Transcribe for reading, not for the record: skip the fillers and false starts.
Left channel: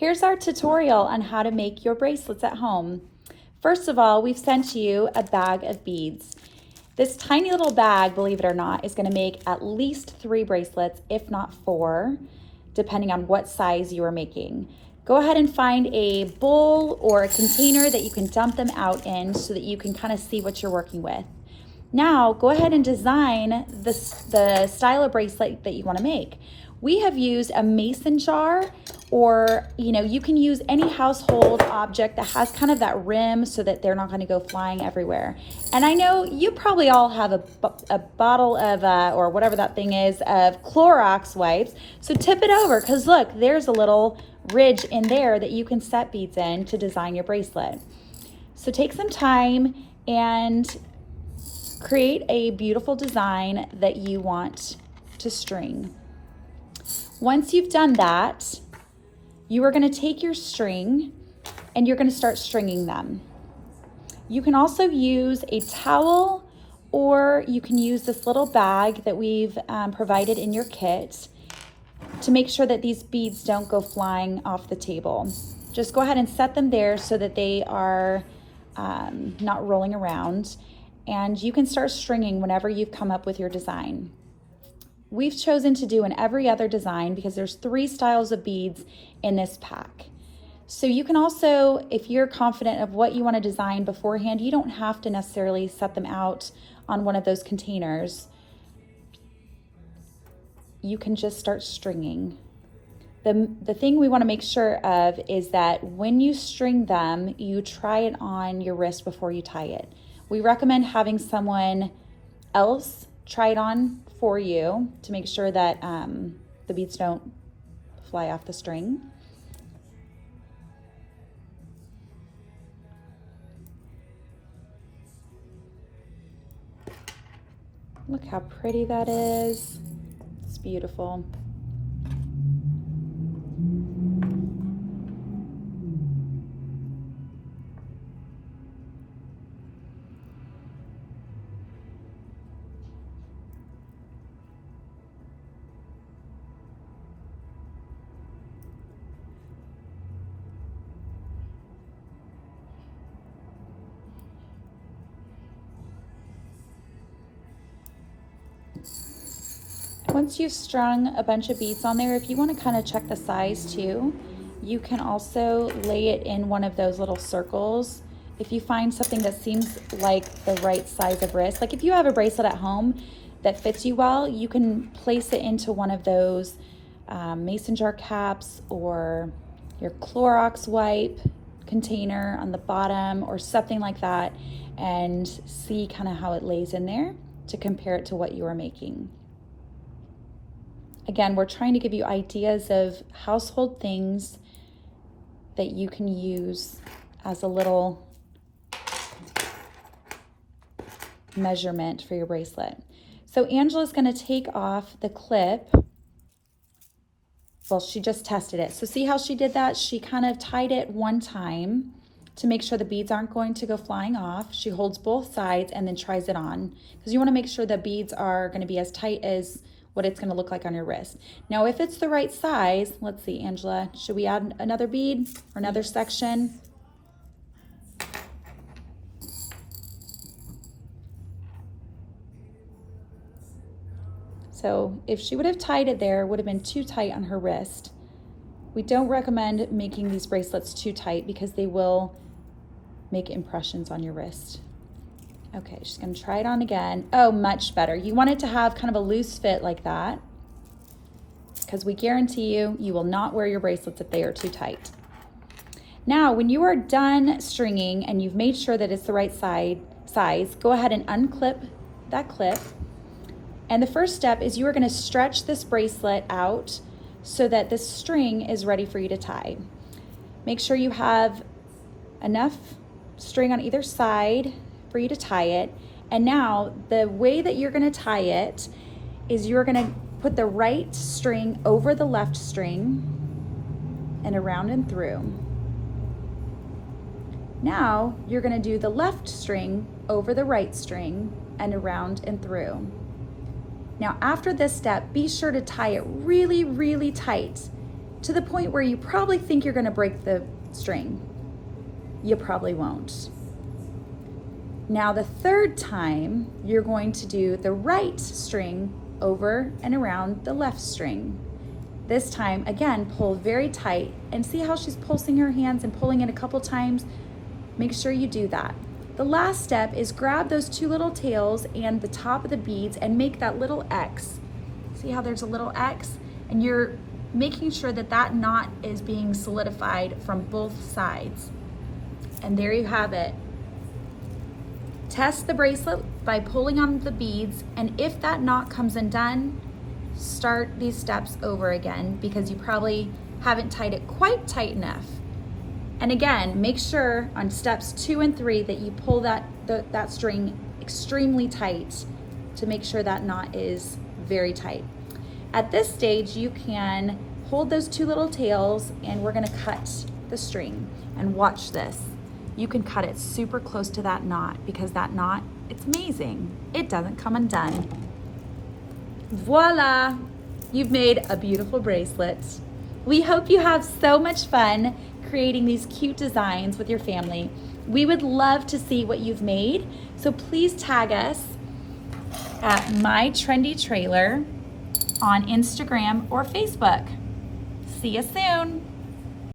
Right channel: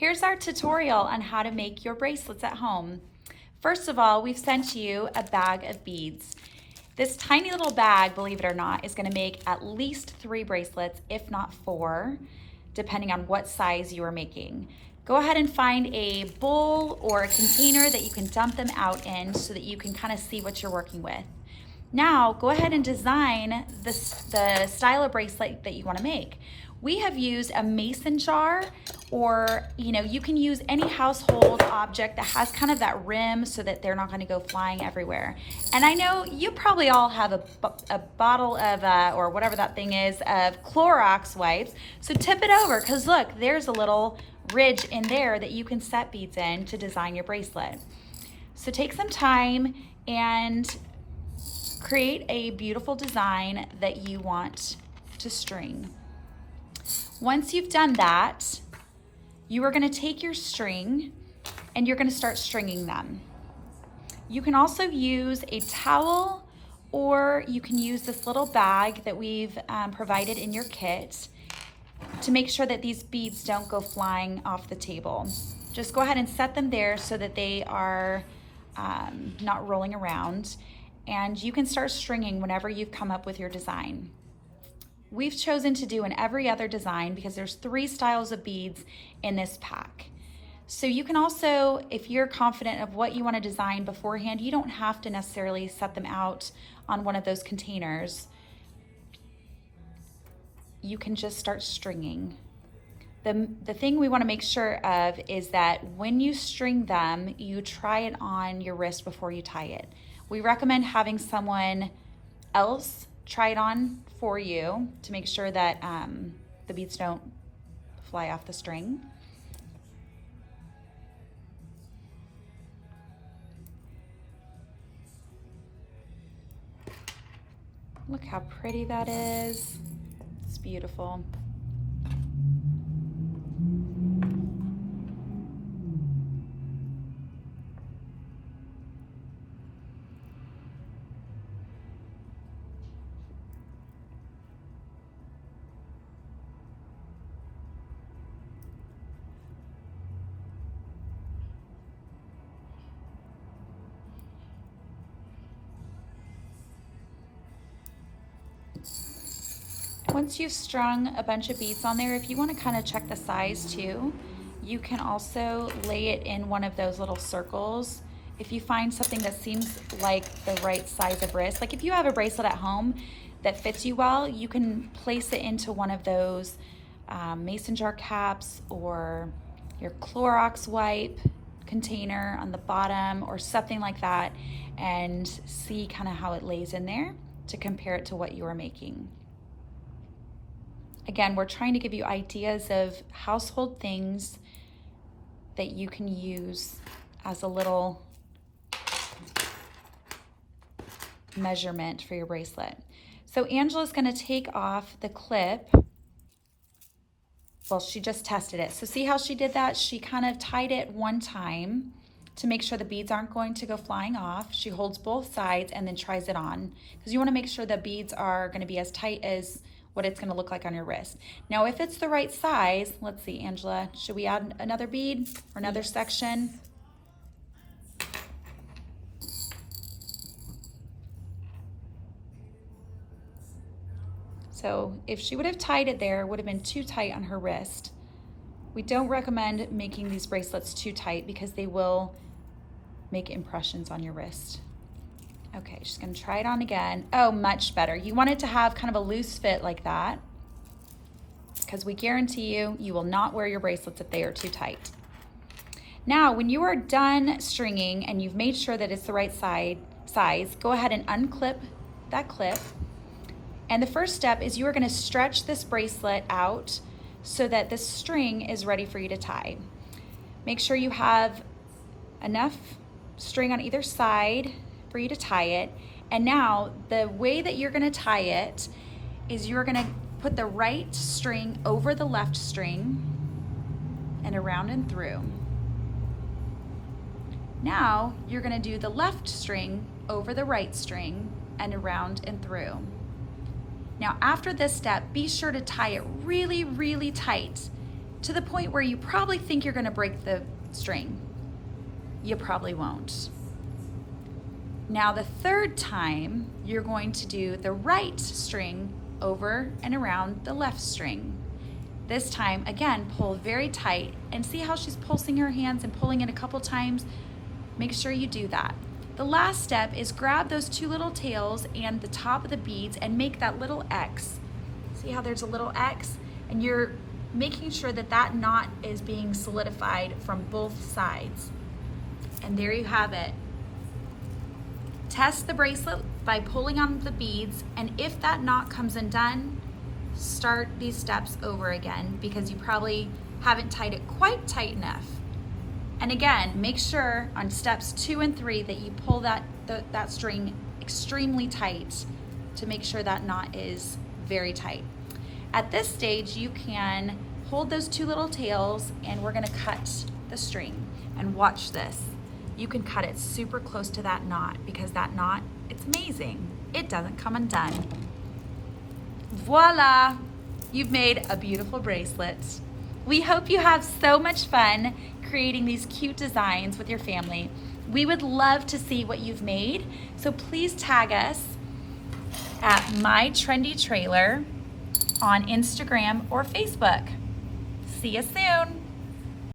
Here's our tutorial on how to make your bracelets at home. First of all, we've sent you a bag of beads. This tiny little bag, believe it or not, is gonna make at least 3 bracelets, if not 4, depending on what size you are making. Go ahead and find a bowl or a container that you can dump them out in so that you can kind of see what you're working with. Now, go ahead and design the style of bracelet that you want to make. We have used a mason jar, or you can use any household object that has kind of that rim so that they're not going to go flying everywhere. And I know you probably all have a bottle of, or whatever that thing is, of Clorox wipes. So tip it over, because look, there's a little ridge in there that you can set beads in to design your bracelet. So take some time and create a beautiful design that you want to string. Once you've done that, you are going to take your string and you're going to start stringing them. You can also use a towel, or you can use this little bag that we've provided in your kit to make sure that these beads don't go flying off the table. Just go ahead and set them there so that they are not rolling around, and you can start stringing whenever you've come up with your design. We've chosen to do an every other design because there's 3 styles of beads in this pack. So you can also, if you're confident of what you want to design beforehand, you don't have to necessarily set them out on one of those containers. You can just start stringing. The thing we want to make sure of is that when you string them, you try it on your wrist before you tie it. We recommend having someone else try it on for you to make sure that the beads don't fly off the string. Look how pretty that is. It's beautiful. Once you've strung a bunch of beads on there, if you want to kind of check the size too, you can also lay it in one of those little circles. If you find something that seems like the right size of wrist, like if you have a bracelet at home that fits you well, you can place it into one of those mason jar caps or your Clorox wipe container on the bottom or something like that, and see kind of how it lays in there to compare it to what you are making. Again, we're trying to give you ideas of household things that you can use as a little measurement for your bracelet. So Angela's going to take off the clip. Well, she just tested it. So see how she did that? She kind of tied it one time to make sure the beads aren't going to go flying off. She holds both sides and then tries it on, because you want to make sure the beads are going to be as tight as what it's going to look like on your wrist. Now, if it's the right size, let's see, Angela, should we add another bead or another section? So if she would have tied it there, it would have been too tight on her wrist. We don't recommend making these bracelets too tight because they will make impressions on your wrist. Okay, she's gonna try it on again. Oh, much better. You want it to have kind of a loose fit like that, because we guarantee you, you will not wear your bracelets if they are too tight. Now, when you are done stringing and you've made sure that it's the right size, go ahead and unclip that clip. And the first step is you are gonna stretch this bracelet out so that the string is ready for you to tie. Make sure you have enough string on either side for you to tie it. And now the way that you're gonna tie it is you're gonna put the right string over the left string and around and through. Now you're gonna do the left string over the right string and around and through. Now after this step, be sure to tie it really, really tight. to the point where you probably think you're gonna break the string. You probably won't. Now the third time, you're going to do the right string over and around the left string. This time, again, pull very tight and see how she's pulsing her hands and pulling it a couple times. Make sure you do that. The last step is grab those two little tails and the top of the beads and make that little X. See how there's a little X? And you're making sure that that knot is being solidified from both sides. And there you have it. Test the bracelet by pulling on the beads, and if that knot comes undone, start these steps over again because you probably haven't tied it quite tight enough. And again, make sure on steps 2 and 3 that you pull that string extremely tight to make sure that knot is very tight. At this stage, you can hold those two little tails and we're gonna cut the string. And watch this. You can cut it super close to that knot because that knot, it's amazing. It doesn't come undone. Voila, you've made a beautiful bracelet. We hope you have so much fun creating these cute designs with your family. We would love to see what you've made, so please tag us at My Trendy Trailer on Instagram or Facebook. See you soon.